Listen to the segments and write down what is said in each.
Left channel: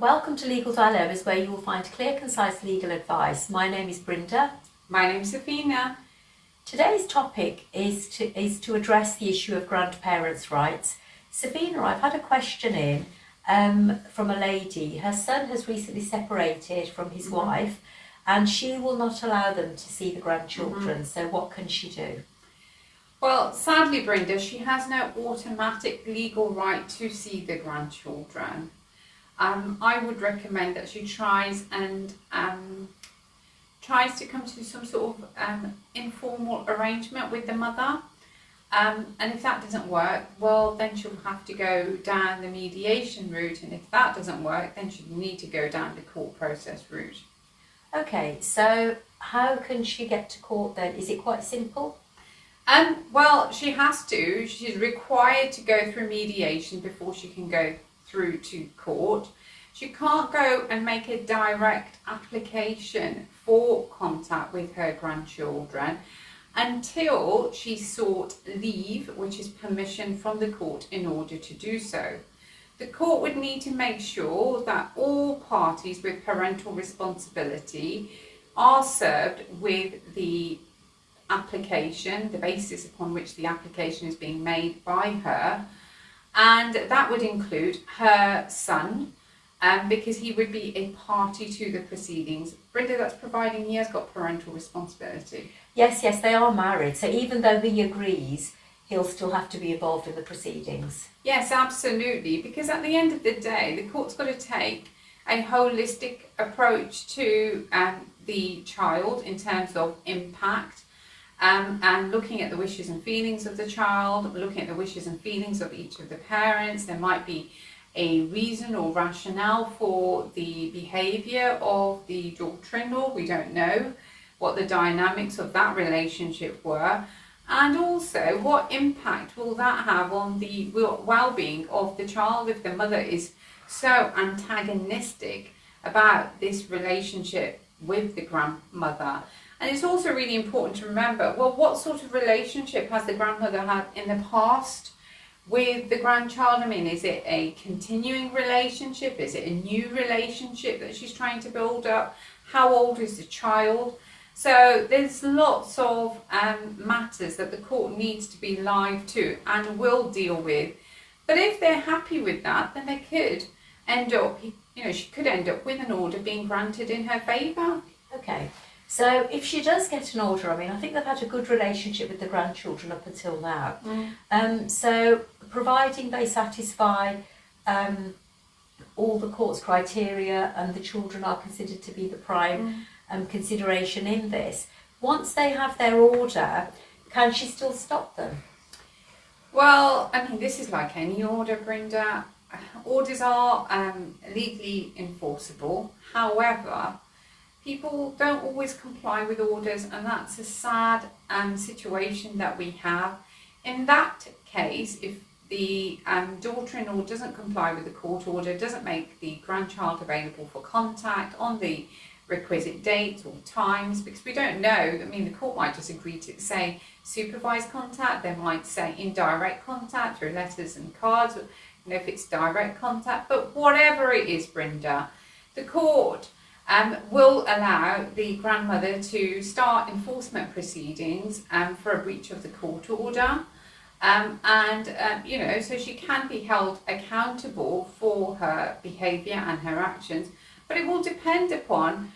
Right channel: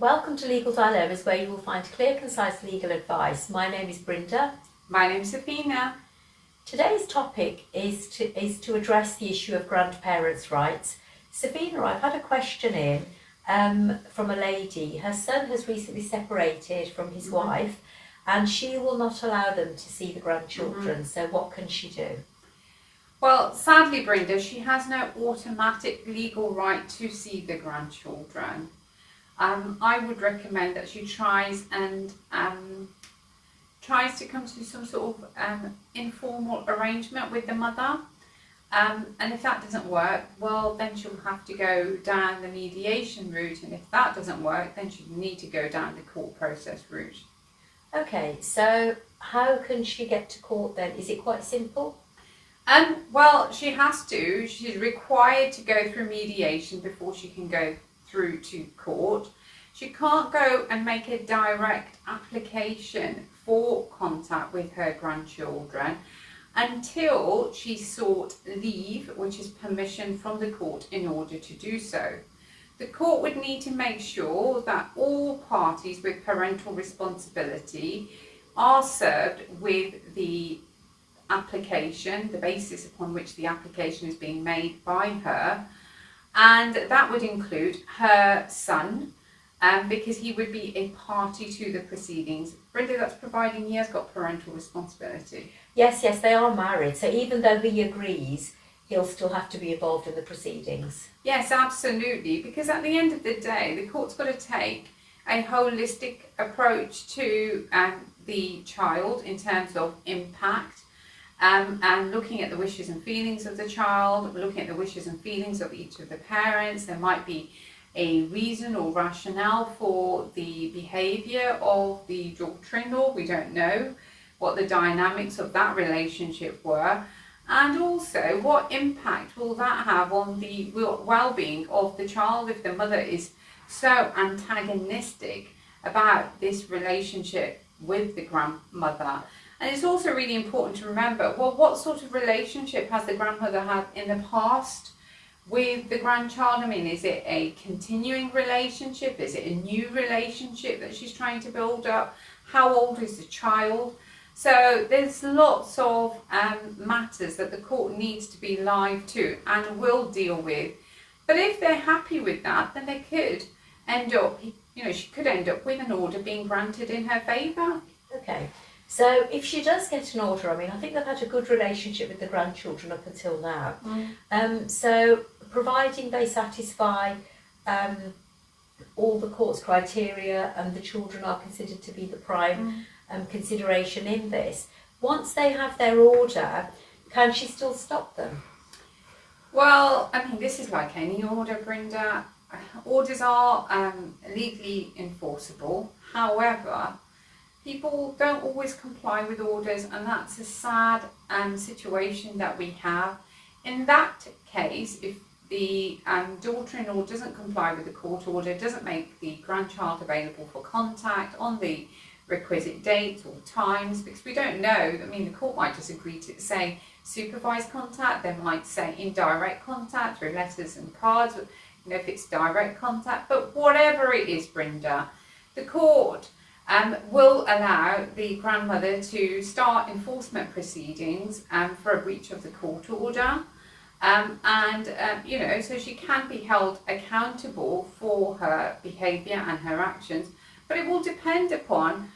Welcome to Legal Dilemmas, where you will find clear, concise legal advice. My name is Brenda. My name's Safina. Today's topic is to address the issue of grandparents' rights. Safina, I've had a question in from a lady. Her son has recently separated from his wife, and she will not allow them to see the grandchildren. So what can she do? Well, sadly, Brenda, she has no automatic legal right to see the grandchildren. I would recommend that she tries to come to some sort of informal arrangement with the mother. And if that doesn't work, well, then she'll have to go down the mediation route. And if that doesn't work, then she'll need to go down the court process route. Okay, so how can she get to court then? Is it quite simple? Well, she has to. She's required to go through mediation before she can go through to court. She can't go and make a direct application for contact with her grandchildren until she sought leave, which is permission from the court in order to do so. The court would need to make sure that all parties with parental responsibility are served with the application, the basis upon which the application is being made by her, and that would include her son, because he would be a party to the proceedings. Brenda, that's providing he has got parental responsibility. Yes, they are married, so even though he agrees, he'll still have to be involved in the proceedings. Yes, absolutely, because at the end of the day, the court's got to take a holistic approach to the child in terms of impact, and looking at the wishes and feelings of the child, looking at the wishes and feelings of each of the parents. There might be a reason or rationale for the behaviour of the daughter-in-law. We don't know what the dynamics of that relationship were, and also what impact will that have on the well-being of the child if the mother is so antagonistic about this relationship with the grandmother. And it's also really important to remember, well, what sort of relationship has the grandmother had in the past with the grandchild? I mean, is it a continuing relationship? Is it a new relationship that she's trying to build up? How old is the child? So there's lots of matters that the court needs to be live to and will deal with. But if they're happy with that, then they could end up, she could end up with an order being granted in her favour. Okay. So if she does get an order, I mean, I think they've had a good relationship with the grandchildren up until now. So providing they satisfy all the court's criteria and the children are considered to be the prime consideration in this, once they have their order, can she still stop them? Well, I mean, this is like any order, Brenda. Orders are legally enforceable. However, people don't always comply with orders, and that's a sad situation that we have. In that case, if the daughter-in-law doesn't comply with the court order, doesn't make the grandchild available for contact on the requisite dates or times, because we don't know, I mean, the court might just agree to say supervised contact, they might say indirect contact through letters and cards, if it's direct contact, but whatever it is, Brenda, the court will allow the grandmother to start enforcement proceedings for a breach of the court order, so she can be held accountable for her behaviour and her actions. But it will depend upon,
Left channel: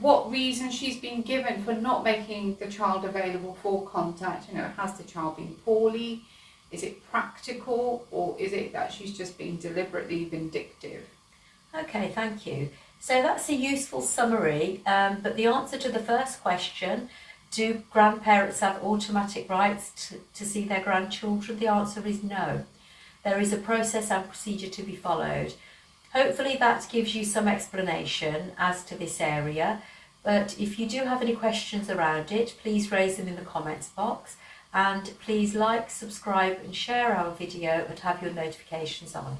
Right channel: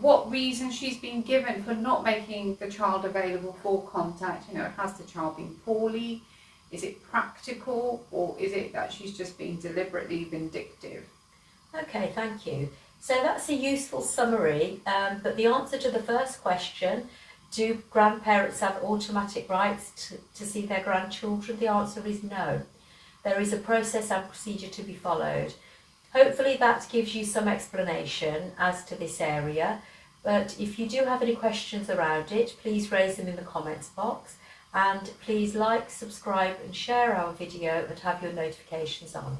what reason she's been given for not making the child available for contact. Has the child been poorly? Is it practical, or is it that she's just being deliberately vindictive? Okay, thank you. So that's a useful summary, but the answer to the first question, do grandparents have automatic rights to see their grandchildren? The answer is no. There is a process and procedure to be followed. Hopefully that gives you some explanation as to this area, but if you do have any questions around it, please raise them in the comments box, and please like, subscribe and share our video and have your notifications on.